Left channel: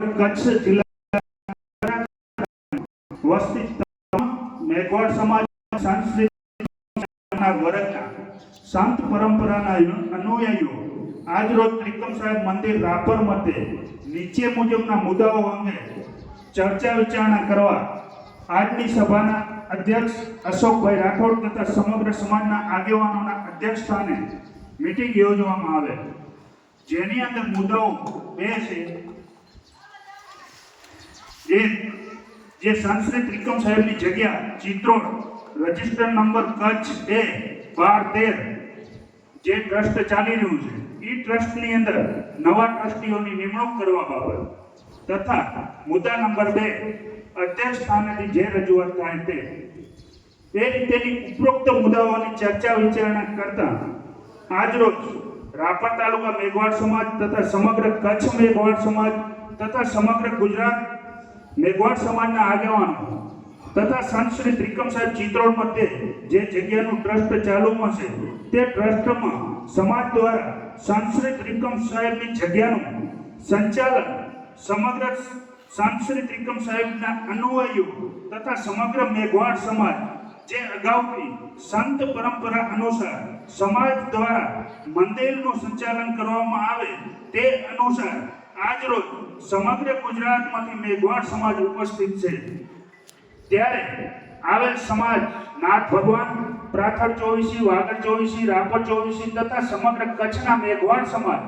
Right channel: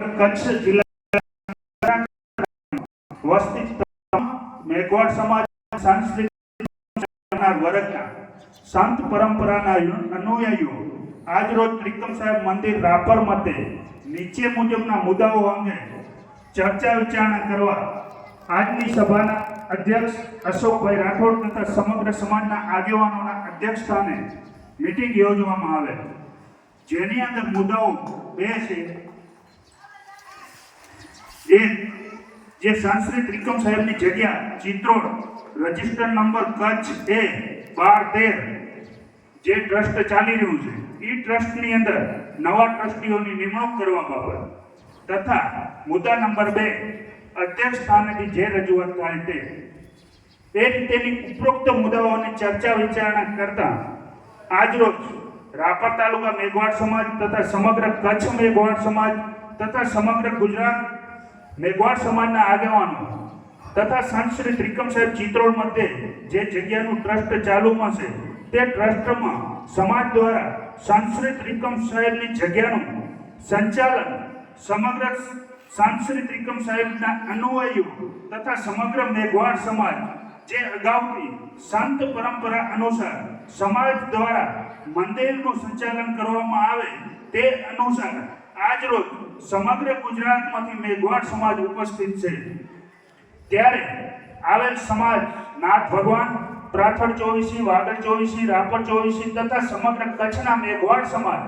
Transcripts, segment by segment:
કચ્છ જિલ્લા મેઘવાડ સમાજ સાંસ્કૃતિક વર્ગના સંત પરંપરાના અનુયાયીઓ આજરોજ ત્રિકમ સાહેબ મંદિર રાપર મતે નીચે મુજબના મુદ્દાઓ અંગે ચર્ચા વિચારણા કરવા આજની સભાના અધ્યક્ષ અશોકભાઈ રાઠોડ તથા સમગ્ર સમાજના આગેવાનોના અધ્યક્ષ સ્થાને મિટિંગ યોજવામાં આવે. જેની અંદર મુદ્દાઓ બે છે. એક જે સંસ્કૃત ત્રિકમ સાહેબની જગ્યા ચિત્રોડ રજિસ્ટર નંબર કચ્છ બે, બાર તેર, જે ટ્રસ્ટ ચાલી રહ્યું છે એ ટ્રસ્ટની અંદર નવા ટ્રસ્ટીઓની નિમણૂક કરવા બાબત તથા મુદ્દા નંબર બે, અધ્યક્ષ સ્થાનેથી જે રજૂઆત થાય તે. તે રીતેની ઉપરોક્ત મુદ્દાઓની ચર્ચા વિચારણા કરતા આજરોજ રાપર તાલુકા મેઘવાડ સમાજ તથા સમગ્ર કચ્છ મેઘવાડ સમાજ તથા સમગ્ર ગુજરાત મેઘવાડ સમાજના આગેવાનો તથા સંત શ્રી ત્રિકમ સાહેબ ચિત્રોડ મધ્યે જે જગ્યાનું ટ્રસ્ટ ચાલુમાં છે, તે ટ્રસ્ટમાં સમાજ દ્વારા શ્રી ત્રિકમ સાહેબની જગ્યાનું સંચાલન સમગ્ર શ્રી ત્રિકમ સાહેબના અનુયાયીઓ તથા સમગ્ર મેઘવાડ સમાજ જે અગાઉની સંત પરંપરા અનુસાર સમાજ દ્વારા મંદિરનું સંચાલન કરવામાં આવે તે અનુસાર આજરોજ સમગ્ર ગુજરાતમાંથી મેઘવાડ સમાજ ઉપસ્થિત છે. ત્યારે આવેલ સમાજ, નાથ ભગવાન પ્રાથર ચોવીસી, વાગડ ચોવીસી, રાપર ચોવીસી તથા સમગ્ર કચ્છના મેઘવાડ સમાજ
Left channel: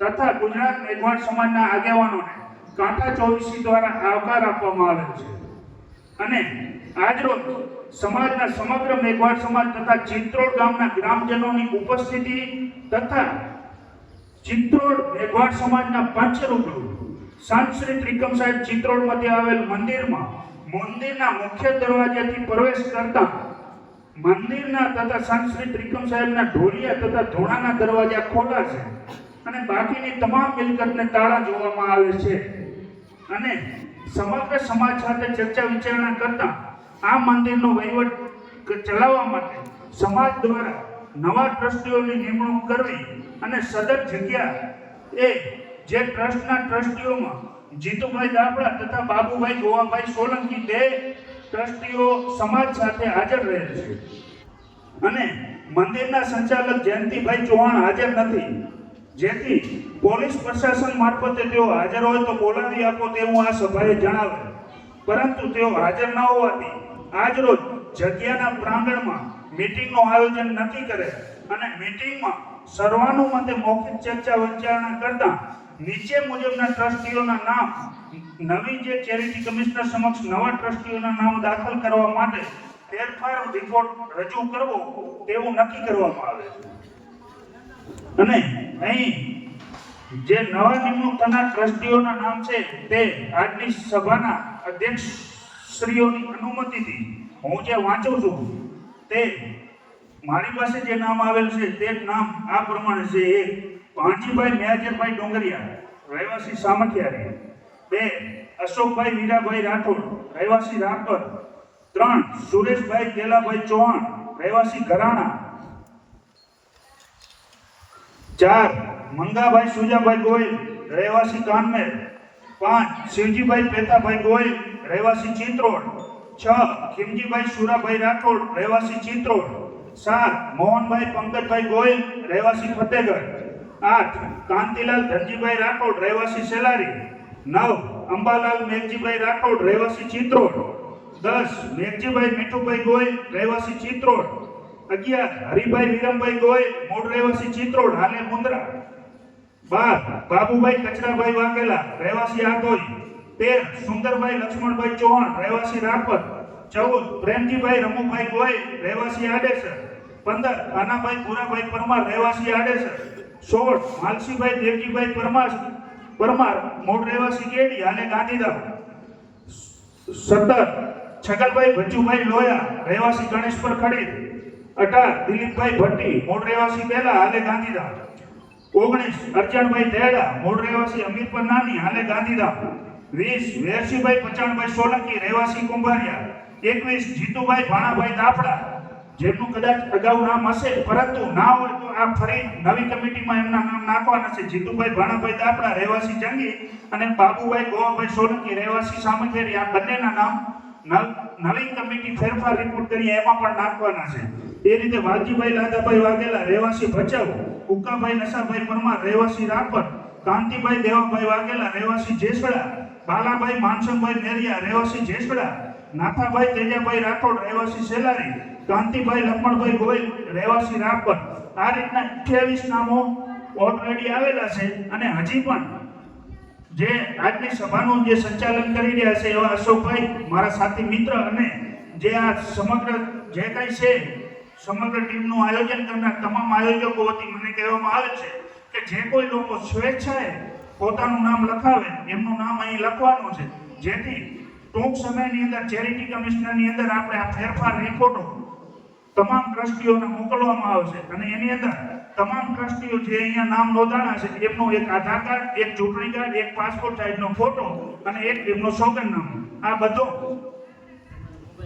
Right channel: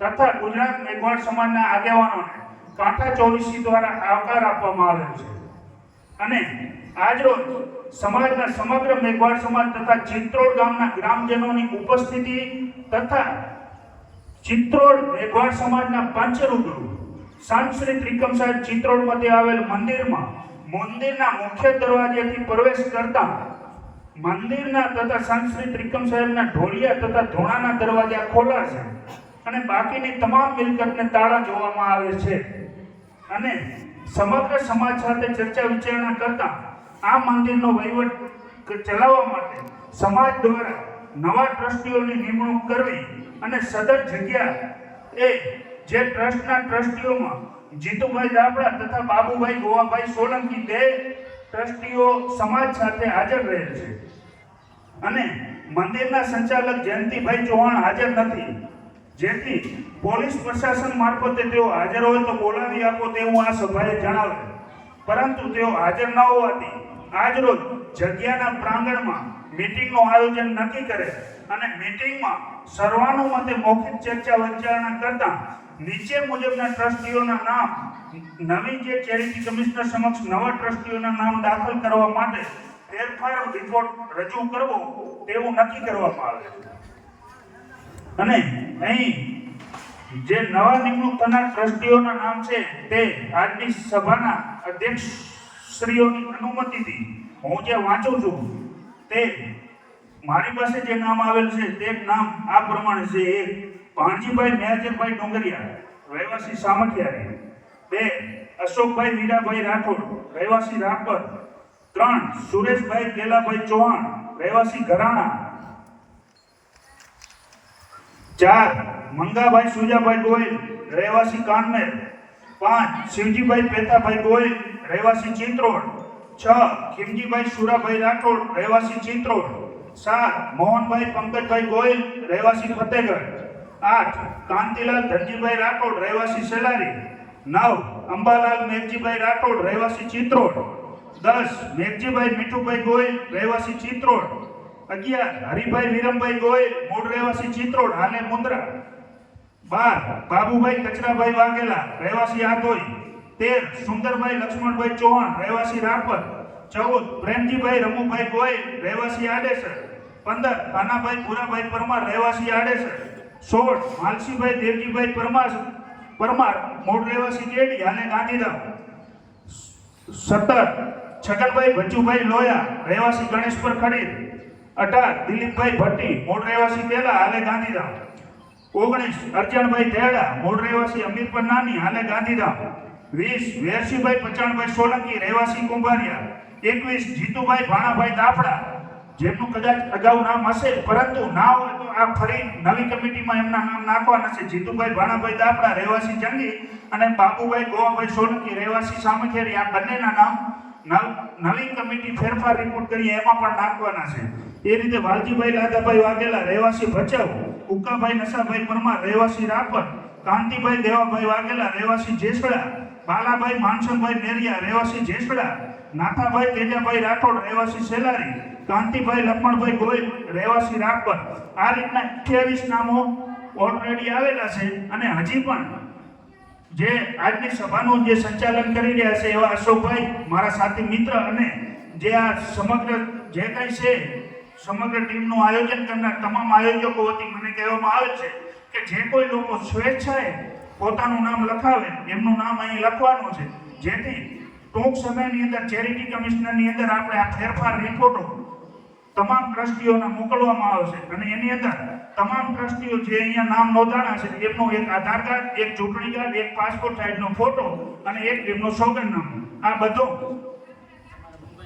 તથા ગુજરાત મેઘવાડ સમાજના આગેવાનોને કાંઠા ચોવીસી દ્વારા આવકાર આપવામાં આવેલ છે. અને આજરોજ સમાજના સમગ્ર મેઘવાડ સમાજ તથા ચિત્રોડ ગામના ગ્રામજનોની ઉપસ્થિતિ તથા ચિત્રોડ મેઘવાડ સમાજના પંચરૂપો સંત શ્રી ત્રિકમ સાહેબ ચિત્રોડ મધ્ય આવેલ મંદિરમાં મંદિરના મુખ્ય દરવાજેથી પ્રવેશ કરતા મંદિરના તથા શ્રી ત્રિકમ સાહેબના ઢોલિયા તથા ધોણાના દરવાજા ખોલા છે અને બાકીની તમામ મિલકતને તાળા જોવામાં આવે છે. અને સમગ્ર સમાજ સાથે ચર્ચા વિચારણા કરતા આ મંદિરનો વહીવટ ચલાવવા માટે સમાજ દ્વારા નવા ટ્રસ્ટીઓની નિમણૂક કરવી અને સદર જગ્યા એ જે ટ્રસ્ટના ટ્રસ્ટીઓમાં જીતુભાઈ દાબડા તથા બાબુભાઈ ગોવાભાઈ સોલંકી બે ટ્રસ્ટીઓ સમાજ સાથે હાજર રહેલ છે. અને મંદિરના સંચાલક જયંતિભાઈ ચૌહાણ હાજર નથી. જેથી પોલીસ પ્રશાસન મારફતે તેઓ હાજર હોય તો બોલાવી આપો તેવું આ સભાએ જણાવે પરંતુ તેઓ હાજર ન હોવાથી આજરોજ જગ્યાના પ્રાંગણમાં મીટિંગનું આયોજન નક્કી કરે અને મીટિંગમાં સર્વાનુમતે મૌખિક ચર્ચા વિચારણા કરતા નીચે મુજબના ટ્રસ્ટીઓના નામ, નવી જે ચેરિટી કમિશનર સમક્ષ નવા ટ્રસ્ટીઓના નામ દાખલ કરવા માટે ફેરફાર રિપોર્ટ રજૂ કરવો તેવું નક્કી કરવામાં આવે છે. અને અહીં જે નવા નિમણૂક થનાર ટ્રસ્ટીઓના નામ છે તે આજની સભાના અધ્યક્ષ શ્રીઓની અનુમતિથી હું જે વાંચું છું તે મારી પાસે જે નામ આવેલ છે, તે નામ આ પ્રમાણે છે. એક ભાણજીભાઈ મેજરભાઈ ડોંગરિયા, રહેવાસી સામખિયારી. બે, અશોકભાઈ મીરાભાઈ રાઠોડ, રહેવાસી રાપર. ત્રણ, સુરેશભાઈ કેલાભાઈ ચૌહાણ, રહેવાસી ઘરાણા. ચાર, મંગાભાઈ સુજાભાઈ ગોયલ, રહેવાસી કાનમેર. પાંચ શિવજીભાઈ પેતાભાઈ ગોયલ રહેવાસી ચિત્રોડ. છ ખીમજીભાઈ સુરાભાઈ રાઠોડ, રહેવાસી ચિત્રોડ. સાત, મોહનભાઈ પંકજભાઈ ગોયલ રહેવાસી ફતેગઢ. આઠ, કાંતિલાલ ધનજીભાઈ રાઠોડ, રહેવાસી સેલારી. નવ, અંબાલાલ મેઘજીભાઈ રાઠોડ, રહેવાસી ચિત્રોડ. દસ, મેઘજીભાઈ મીઠુભાઈ ગોયલ રહેવાસી ચિત્રોડ. અગિયાર, હરિભાઈ વિરમભાઈ ગોયલ મૂળ રહેવાસી ચિત્રોડ, હાલે મુંદ્રા. બાર, બાબુભાઈ કચરાભાઈ વાઘેલા, રહેવાસી આધોઈ તેર, સુંદરભાઈ લક્ષ્મણભાઈ ચૌહાણ, રહેવાસી રાપર ચૌદ, પ્રેમજીભાઈ રમુભાઈ ગોયલ, રહેવાસી આડેસર. પંદર, નાનાભાઈ ભૂરાભાઈ પરમાર, રહેવાસી આડેસર. સોળ, માલસીભાઈ દેવજીભાઈ પરમાર પરમાર મૂળ રહેવાસી ગેડી હાલે ગાંધીધામ. સત્તર, છગલભાઈ ભજુભાઈ લોયા, રહેવાસી ગણેશપુર ખરીદ અઢાર, દિલીપભાઈ ભટ્ટી મૂળ રહેવાસી પહેલા હાલે ગાંધીધામ. ઓગણીસ અર્જણભાઈ તેડા મૂળ રહેવાસી અમીરપર નાની હાલે ગાંધીધામ. વીસ વેરસીભાઈ પચાણભાઈ સોલંકી, રહેવાસી કુંભારિયા. એકવીસ જીતુભાઈ ભાણાભાઈ દાફડા. જેમનું કદાચ અગાઉ નામ હશે, પરંતુ ના હોય તો આ ફરી નવી કમિટીમાં એમના નામ નાખવાના છે. જીતુભાઈ ભાણાભાઈ દાપડા રહેવાસી જંગી અને બાબુભાઈ ગોવાભાઈ સોલંકી, રહેવાસી સામખેરી. આ બંનેના નામ નવ- નવી કમિટી ફેરફાર રિપોર્ટ કરી એમાં પણ નાખવાના છે. એ રીતે વાલજીભાઈ લાદાભાઈ વાઘેલા, રહેવાસી ભચાઉ ઉક્કાભાઈ નશાભાઈ પરમાર, રહેવાસી રાપર, કાંતિભાઈ દેવાભાઈ વાઘેલા, રહેવાસી જેસડા, બાલાભાઈ માનસનભાઈ નેરિયા, રહેવાસી જેસડા, નાથાભાઈ તેજાભાઈ રાઠોડ, રહેવાસી સેલારી, કાંતિભાઈ લખમણભાઈ ગોયલ રહેવાસી રાપર. આ રીતના 28 નામો ઓલરેડી આવેલા છે અને હજી પણ જે આજની સભાનું જે સંચાલન કરી રહ્યા છે એવા અશોકભાઈ, મારા સાથી મિત્ર અને જે આ સમગ્ર જે કંઈ છે, સમગ્ર ટીમનું આયોજન કરનાર તમામ આયોજકો વતી મને કહેવામાં આવે છે કે જે કોઈ લોકો સ્વેચ્છાએ પોતાનું નામ લખાવે, એમનું નામ અહીં લખવાનું છે. જેથી ટૂંક સમયની અંદર ચેરિટી કમિશનરની અંદર આપણે આ ફેરફાર રિપોર્ટો તમામ ટ્રસ્ટીઓને મોકલવામાં આવશે. અને એની અંદર તમામ ટ્રસ્ટીઓ જે અહીંયા નામ નોંધાણા છે, એમનો એક આધાર કાર્ડ, એક ચૂંટણી કાર્ડ, એક પાસપોર્ટ સાઇઝનો ફોટો અને એક એમનું સોગંદનામું આ બધો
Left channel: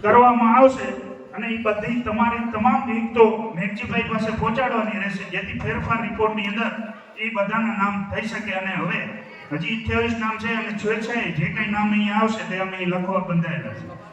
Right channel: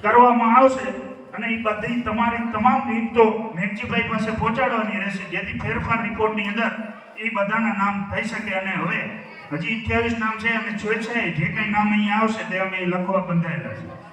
કરવામાં આવશે અને એ બધી તમારી તમામ વિગતો મેઘજીભાઈ પાસે પહોંચાડવાની રહેશે, જેથી ફેરફાર રિપોર્ટની અંદર એ બધાના નામ થઈ શકે અને હવે હજી અઠ્યાવીસ નામ છે અને સ્વેચ્છાએ જે કંઈ નામ અહીંયા આવશે તે અમે લખવા બંધાયેલા છે.